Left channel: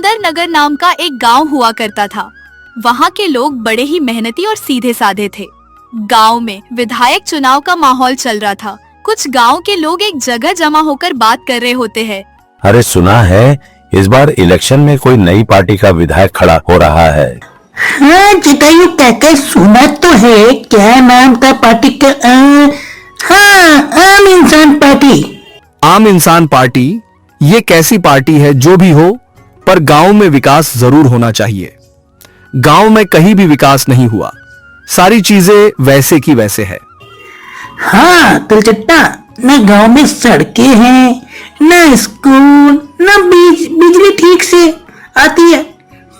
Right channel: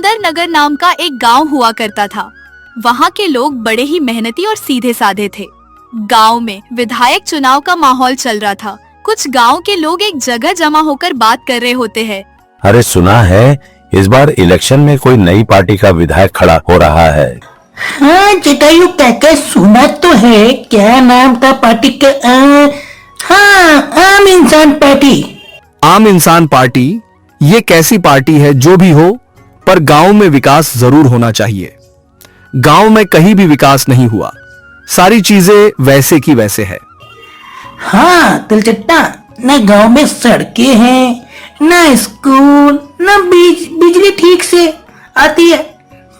सुंदर नगर नाम का एक गांव हुआ करता था। वहाँ के लोग बड़े ही मेहनती और सीधे साधे थे। गांव में विधायक चुनाव का माहौल चल रहा था। कुछ गांव के लोग एक जगह जमा होकर बात कर रहे होते हैं। अरे सुना है इस बार इलेक्शन में कोई नई पार्टी का विधायक खड़ा हो रहा है। हाँ जटायु काका, सुना तो है। क्या नाम था पार्टी का? हाँ, आम इंसान पार्टी। आम इंसान पार्टी ये कैसी पार्टी है? जो भी हो, पर गांव में विकास जरूर होना चाहिए। गांव में कहीं भी विकास नहीं हुआ, सारी चीजें वैसे की वैसे है। हाँ तिलचट्टा, न गांव में सड़कें हैं, न स्कूल, न बिजली ठीक से आती है।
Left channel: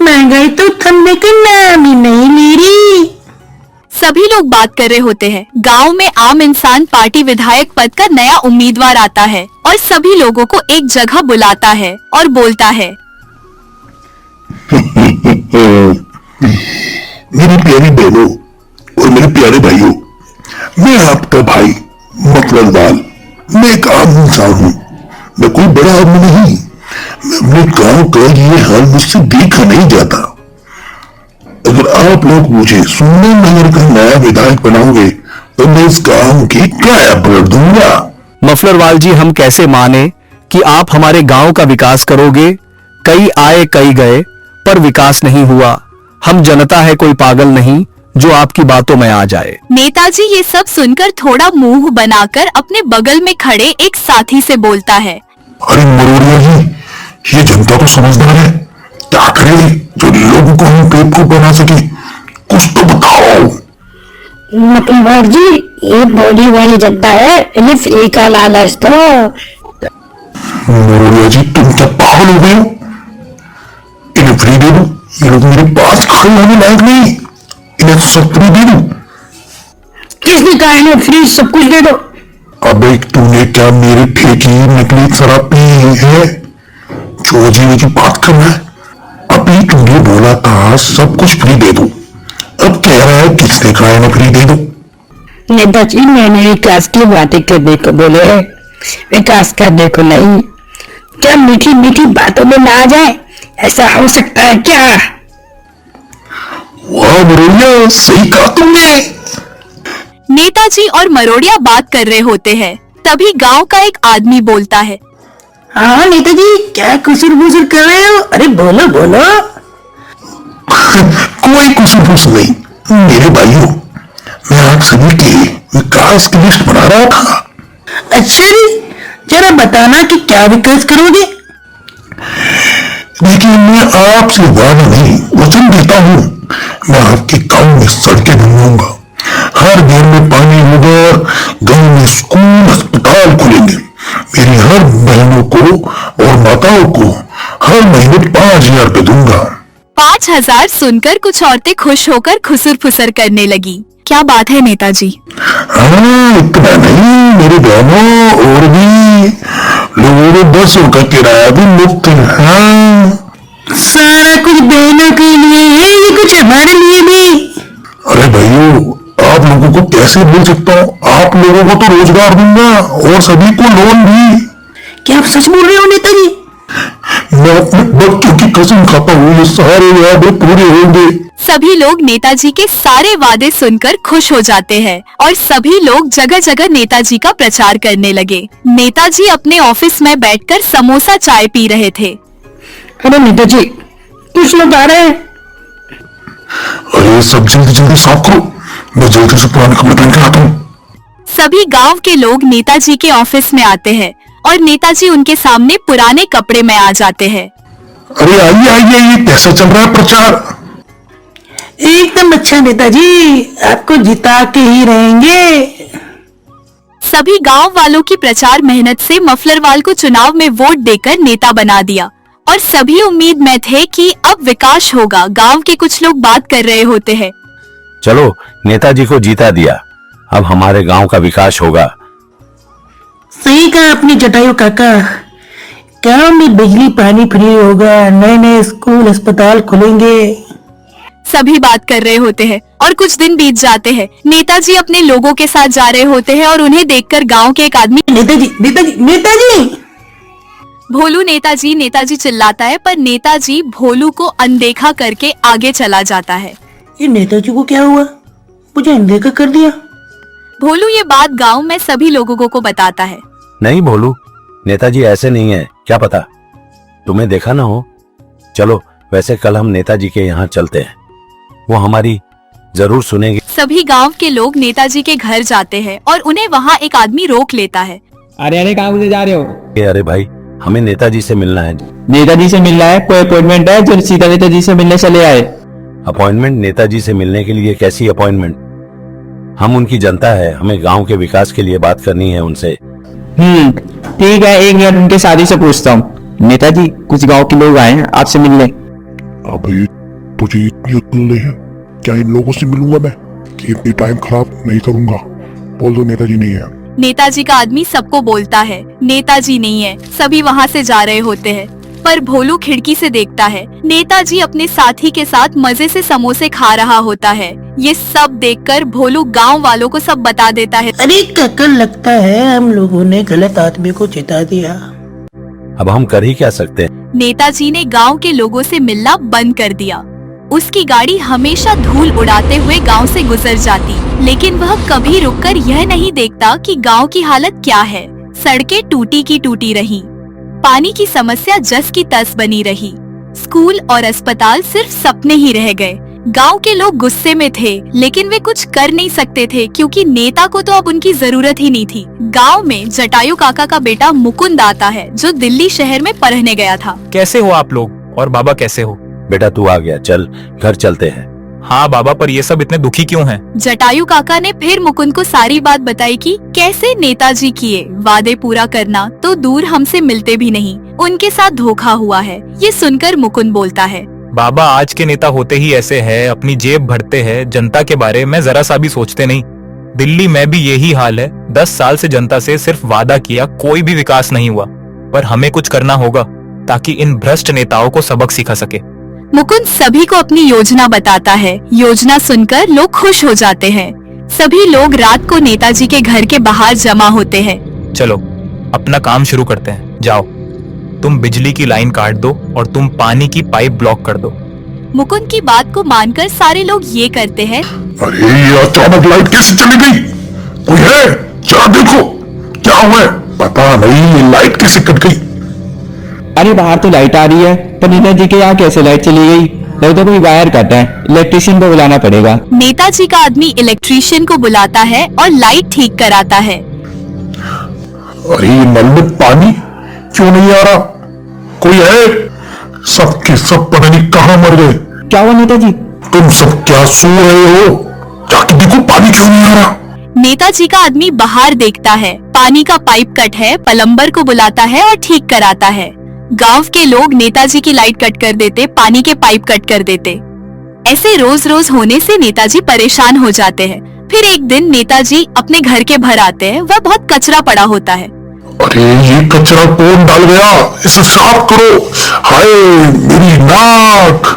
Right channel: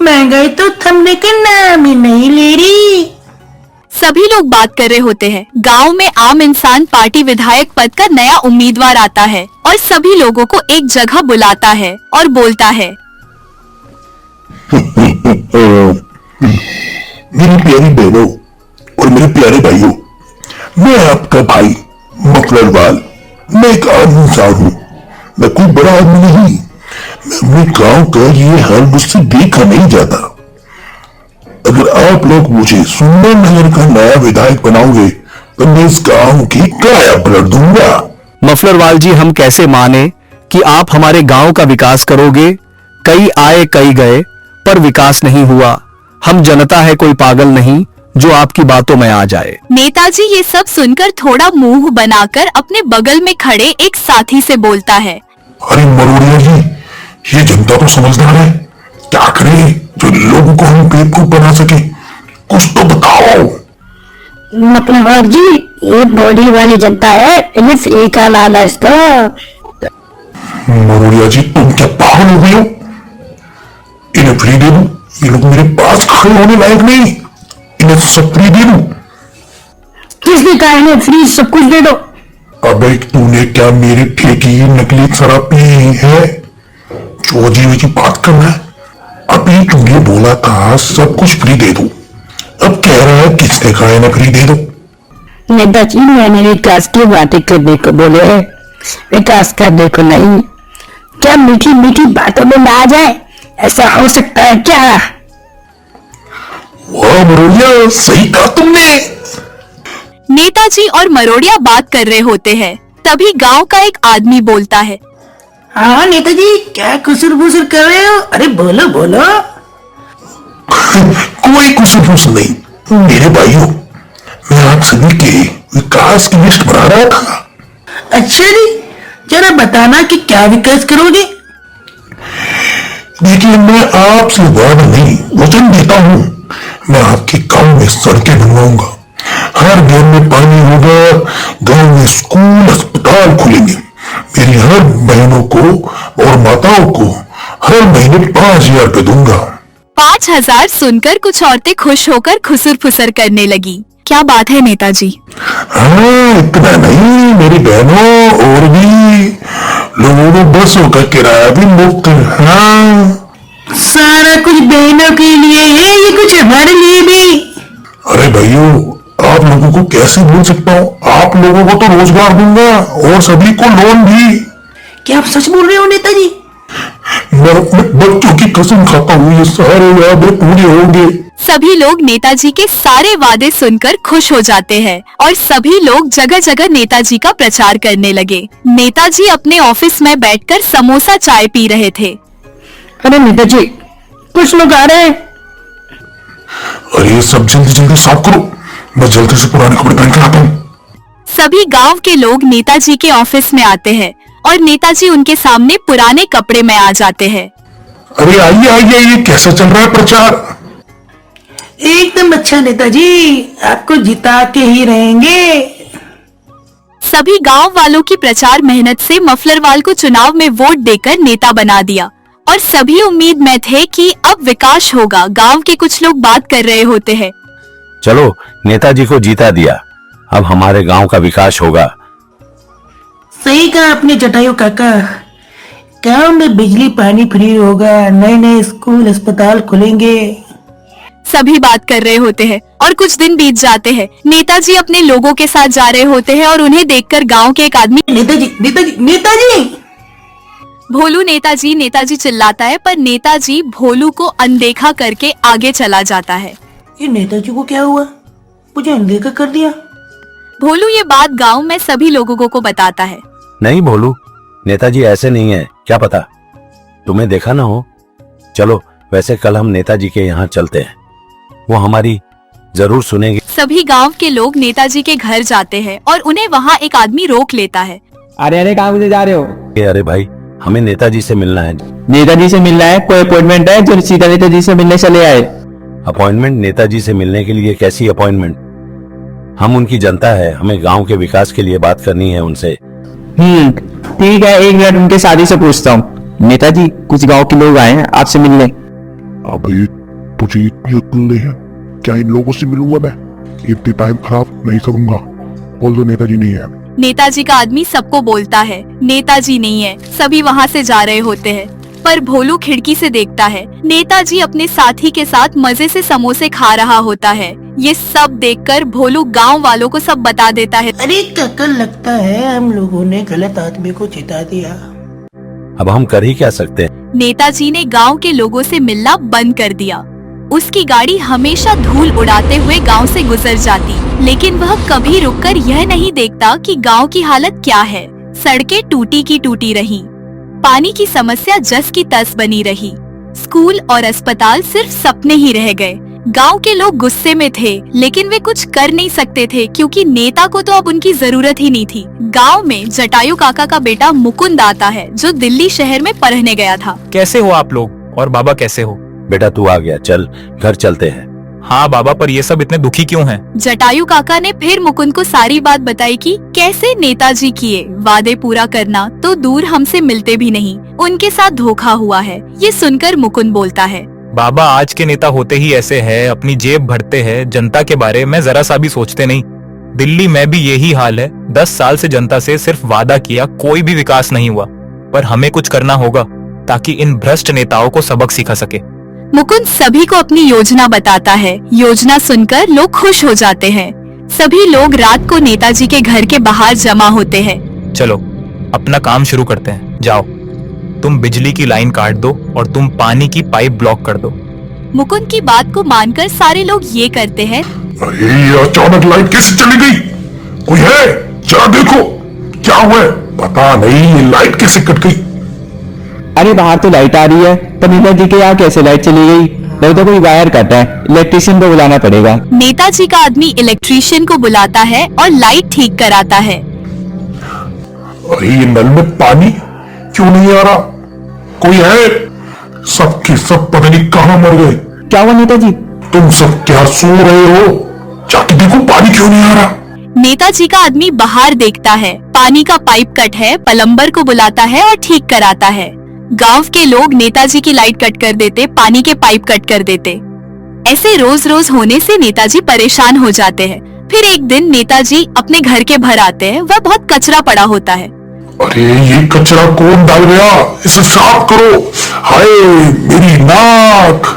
महंगाई तो थमने का नाम ही नहीं ले रही। सभी लोग बात कर रहे होते हैं। गांव में आम इंसान पार्टी विधायक पद का नया उम्मीदवार आता है और सभी लोगों को एक जगह बुलाता है और बोलता है, मेरी प्यारी बहनों और मेरे प्यारे भाइयों, मैं आपका भाई मफलरवाल। मैं एक आम इंसान हूँ, मैं कोई बड़ा आदमी नहीं। मैं अपने गांव का ये हाल मुझसे देखा नहीं जाता। अगर आप लोग मुझे सुंदर नगर का नया विधायक बनाओगे तो मैं इस गांव की काया पलट दूंगा। मफलरवाल जी, हम कैसे माने कि आप हमारे गांव का विकास करोगे? कई आए कई गए, पर विकास नहीं हुआ। हम जनता है, कोई पागल नहीं जो आपकी बातों में आ जाए। नेताजी ये सब सुनकर थोड़ा मुंह बनाकर अपने बगल में खड़े एक साथी से बोलता है, अरे मरोड़िया जी, ये जनता तो समझदार है। क्या करे जो लोगों को हम बेवकूफ बना सके? कुछ तो बताओ। मतलब जी, ये बॉडी वाली जनता है, ये फ्री का लालच तो। मरोड़िया जी, तुम क्या पागल हो गए हो? इन्हें फ्री दे दो। ये लोग मेरे पास खड़े होने लायक नहीं। इन्हें सब फ्री दे दो। किसने कहा इन्हें फ्री सब कुछ दे दो? अबे तूने क्या मेरे ठेकी नकली शराब पी है? जो जीने की बात कर रहा है? अभी तूने बोला था सब कुछ फ्री दे दो, अब कह रहा है किसने कहा इन्हें फ्री दे दो? नेताजी, मैंने विकास की बातें करने को बोले है, विकास करने को नहीं। क्या मीठी मीठी बातों में ना आ जाए? ऐसा हो सकता है क्या? वाह मरोड़िया, सही कहा तुमने। नेताजी और मरोड़िया बात कर रहे होते हैं। तभी गांव का एक आदमी बोलता है, हाँ नेताजी, क्या कुसुर बुसुर कर रहे हो? अरे बोलो बोलो। कोई कुछ नहीं मेरे भाइयों, मैं आप सभी के विकास की लिस्ट बना रहा था। अच्छा जी, जरा बताना कि क्या विकास करोगे? देखिए, मैं आपसे वादा नहीं वचन देता हूँ। मैं आपके गांव में सड़कें बनवाऊंगा, हर घर में पानी होगा, गांव में स्कूल अस्पताल खुलेंगे। मेरी हर बहनों को और माताओं को हर महीने 5,000 रुपए दूंगा। 5,000 सुनकर कुछ औरतें खुश होकर खुसुर फुसर करने लगी। क्या बात है नेताजी? हाँ, इतना नहीं मेरी बहनों, और भी लोगों ने बसों का किराया भी मुफ्त है। हाँ, सारा कुछ बहनों के लिए है, ये कुछ हमारे लिए भी। अरे भाइयों, आप लोगों को कैसे बोल सकता हूँ? आप लोगों को तो रोजगार दूंगा और सभी को लोन भी। क्या आप सच बोल रहे हो नेताजी? मैं अपने बच्चों की कसम खाता हूँ, ये सारे वादे पूरे होंगे। सभी लोग नेताजी के सारे वादे सुनकर खुश हो जाते हैं और सभी लोग जगह जगह नेताजी का प्रचार करने लगे। नेताजी अपने ऑफिस में बैठकर समोसा चाय पी रहे थे। अरे नेताजी, कुछ लोग आ रहे हैं। अरे सब जल्दी जल्दी साफ करो, मैं जल्दी से पुराने कपड़े पहन के आता हूँ। सभी गांव के लोग नेताजी के ऑफिस में आते हैं और नेताजी उनके सामने पुराने कपड़े में आ जाते हैं। अरे आइए आइए, ये कैसे चल रहा है प्रचार? एकदम अच्छा नेताजी, आपको जिता के ही रहेंगे। सभी गांव वालों की प्रचार मेहनत से मफलरवाल को चुनाव में वोट देकर नेता बना दिया और सभी उम्मीद में थे कि अब विकास होगा। गांव के कुछ लोग बात कर रहे होते हैं, चलो नेताजी को जीता दिया, अब हमारे गांव का विकास होगा। सही कहा आपने जटायु काका, गांव में बिजली पानी फ्री होगा, नए नए स्कूल अस्पताल खुलेंगे। सभी बात कर रहे होते हैं और कुछ दिन बीत जाते हैं। नेताजी अपने लोगों के साथ जा रहे होते हैं और उन्हें देखकर गांव के एक आदमी नेताजी नेताजी नेताजी भोलू नेताजी नेताजी चिल्लाता है, पर नेताजी भोलू को अनदेखा करके आगे चला जाता है। ये नेताजी को क्या हुआ, मुझे अनदेखा कर दिया। भोलू ये बात गांव में सभी लोगों को बताता है। नहीं भोलू, नेताजी ऐसे नहीं है, क्या पता तुम्हें देखा ना हो। चलो वैसे कल हम नेताजी के यहाँ चलते हैं, वो हमारी जरूर सुनेंगे। सभी गांव के लोग नेताजी के घर जाते हैं और उन्हें वहाँ एक आदमी रोक लेता है। अरे अरे कहाँ मुझे जा रहे हो? अरे भाई, हमें नेताजी से मिलना है। नेताजी से मिलना है? कोई अपॉइंटमेंट है जो सीधा नेताजी से मिलने चले आए? अपॉइंटमेंट? नेताजी से मिलने के लिए कैसी अपॉइंटमेंट? हम उनकी जनता है, हमें गांव के विकास के लिए बात करनी है उनसे। ठीक है, 1 मिनट उनके शादी से पूछता हूँ। नेताजी, कुछ गांव के लोग आए हैं आपसे मिलने। अबे तुझे इतनी अक्ल नहीं है क्या इन लोगों से मिलूंगा मैं कि इतनी टाइम खराब नहीं करूंगा। बोल दो नेताजी नहीं है। नेताजी का आदमी सबको बोलता है नेताजी नहीं है। सभी वहाँ से जा रहे होते हैं, पर भोलू खिड़की से देखता है नेताजी अपने साथी के साथ मजे से समोसे खा रहा होता है। ये सब देखकर भोलू गांव वालों को सब बता देता है। अरे काका, लगता है हम लोगों ने गलत आदमी को जिता दिया। अब हम कर ही क्या सकते हैं। नेताजी ने गांव के लोगों से मिलना बंद कर दिया। उसकी गाड़ी हमेशा धूल उड़ाते हुए गांव से गुजर जाती, लेकिन वह कभी रुककर यह नहीं देखता कि गांव की हालत क्या है। सड़कें टूटी की टूटी रहीं, पानी की समस्या जस की तस बनी रही, स्कूल और अस्पताल सिर्फ सपने ही रह गए। गांव के लोग गुस्से में थे, लेकिन वे कुछ कर नहीं सकते थे क्योंकि नेता को तो अब उनकी जरूरत ही नहीं थी। गांव में जटायु काका का बेटा मुकुंद आता है, जो दिल्ली शहर में पढ़ने गया था। कैसे हो आप लोग? और बाबा कैसे हो? बेटा तू आ गया, चल घर चलते हैं। हाँ बाबा, पर ये सब इतने दुखी क्यों हैं? जटायु काका ने फिर मुकुंद को सारी बात बताई कि कैसे नेताजी किए वादे पूरा करना तो दूर हमसे मिलते भी नहीं, उनके साथ धोखा हुआ है। ये सुनकर मुकुंद बोलता है, बाबा आज के नेता होते ही ऐसे हैं, अपनी जेब भरते हैं, जनता के बारे में जरा सा भी सोचते नहीं। दिल्ली में भी यही हाल है। 10 साल से जनता से सिर्फ वादा किया, कोई भी विकास नहीं हुआ। पर हमें कुछ करना होगा ताकि इन भ्रष्ट नेताओं को सबक सिखा सके। मुकुंद सभी को अपनी योजना बताता है। योजना सुनकर लोग खुश हो जाते हैं। सभी लोग रात को नेताजी के घर के बाहर जमा होते हैं। चलो अपना काम शुरू करते हैं। जाओ, तुम बिजली की लाइन काट दो और तुम पानी की पाइप ब्लॉक कर दो। मुकुंद की बात को मानकर सारे लोग ये करते हैं। अरे ये अचानक लाइट कैसे चली गई? कोई है? जरा देखो क्या हुआ है। पता नहीं ये लाइट कैसे कट गई। अरे बाहर तो लाइट आ रही है, पर नेताजी के यहाँ कैसे लाइट चली गई? लगता कोई वायर कटा है, इलेक्ट्रिशियन को बुलाना पड़ेगा। नेताजी का आदमी इलेक्ट्रिशियन को बुलाता है और लाइट ठीक कराता है। अरे ये नल में पानी क्यों नहीं आ रहा? कोई है? सबके सब पता नहीं कहाँ मर गए। क्या हुआ नेताजी? तुम सब क्या सुन रहे हो? जाके देखो पानी क्यों नहीं आ रहा। नेताजी का आदमी बाहर देखता है, पानी का पाइप कट है, प्लम्बर को बुलाता है और ठीक कराता है। गांव के लोग नेताजी की लाइट कट कर देते, पानी के पाइप कट कर देते। ऐसे रोज रोज होने से नेताजी परेशान हो जाते हैं। फिर एक दिन नेताजी अपने घर के बाहर आते हैं। वह बहुत कचरा पड़ा होता है। अरे ये कचरा कौन डाल गया? इसे साफ करो। हाय मेरी नाक।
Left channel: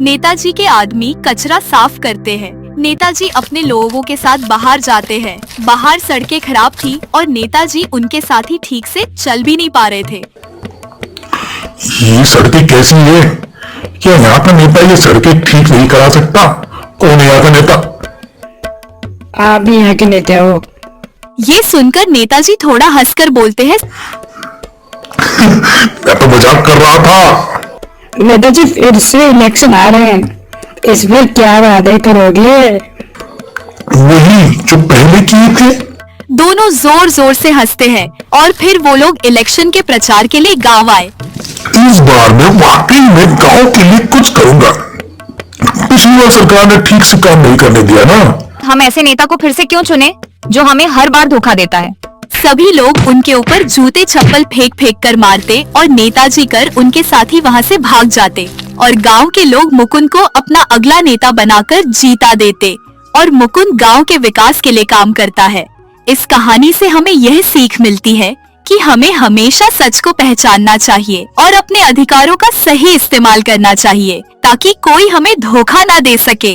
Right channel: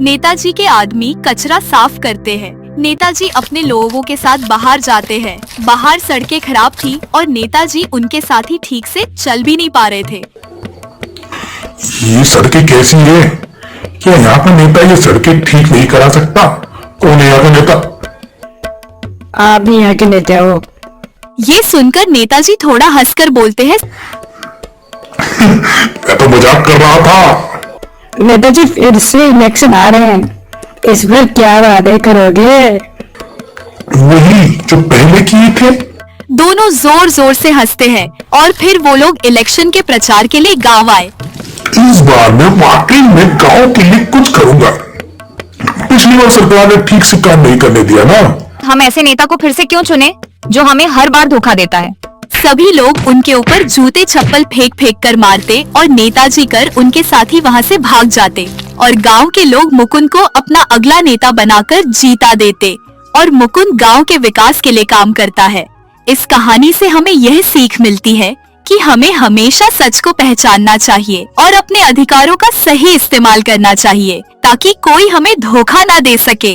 नेताजी के आदमी कचरा साफ करते हैं। नेताजी अपने लोगों के साथ बाहर जाते हैं। बाहर सड़कें खराब थी और नेताजी उनके साथ ही ठीक से चल भी नहीं पा रहे थे। ये सड़कें कैसी हैं? क्या यहाँ का नेता ये सड़कें ठीक नहीं करा सकता? कौन है यहाँ का नेता? आप भी यहाँ के नेता हो? ये सुनकर नेताजी थोड़ा हंसकर बोलते हैं, मैं तो मजाक कर रहा था। नेताजी फिर से इलेक्शन आ रहे हैं, इस बार क्या वादे करोगे? वही जो पहले किए थे। दोनों जोर जोर से हंसते हैं और फिर वो लोग इलेक्शन के प्रचार के लिए गांव आए। इस बार मैं वाकई में गांव के लिए कुछ करूंगा। पिछली बार सरकार ने ठीक से काम नहीं करने दिया ना। हम ऐसे नेता को फिर से क्यों चुने जो हमें हर बार धोखा देता है? सभी लोग उनके ऊपर जूते चप्पल फेंक फेंक कर मारते और नेताजी कर उनके साथी वहां से भाग जाते और गांव के लोग मुकुंद को अपना अगला नेता बनाकर जीता देते और मुकुंद गांव के विकास के लिए काम करता है। इस कहानी से हमें यह सीख मिलती है कि हमें हमेशा सच को पहचानना चाहिए और अपने अधिकारों का सही इस्तेमाल करना चाहिए ताकि कोई हमें धोखा न दे सके।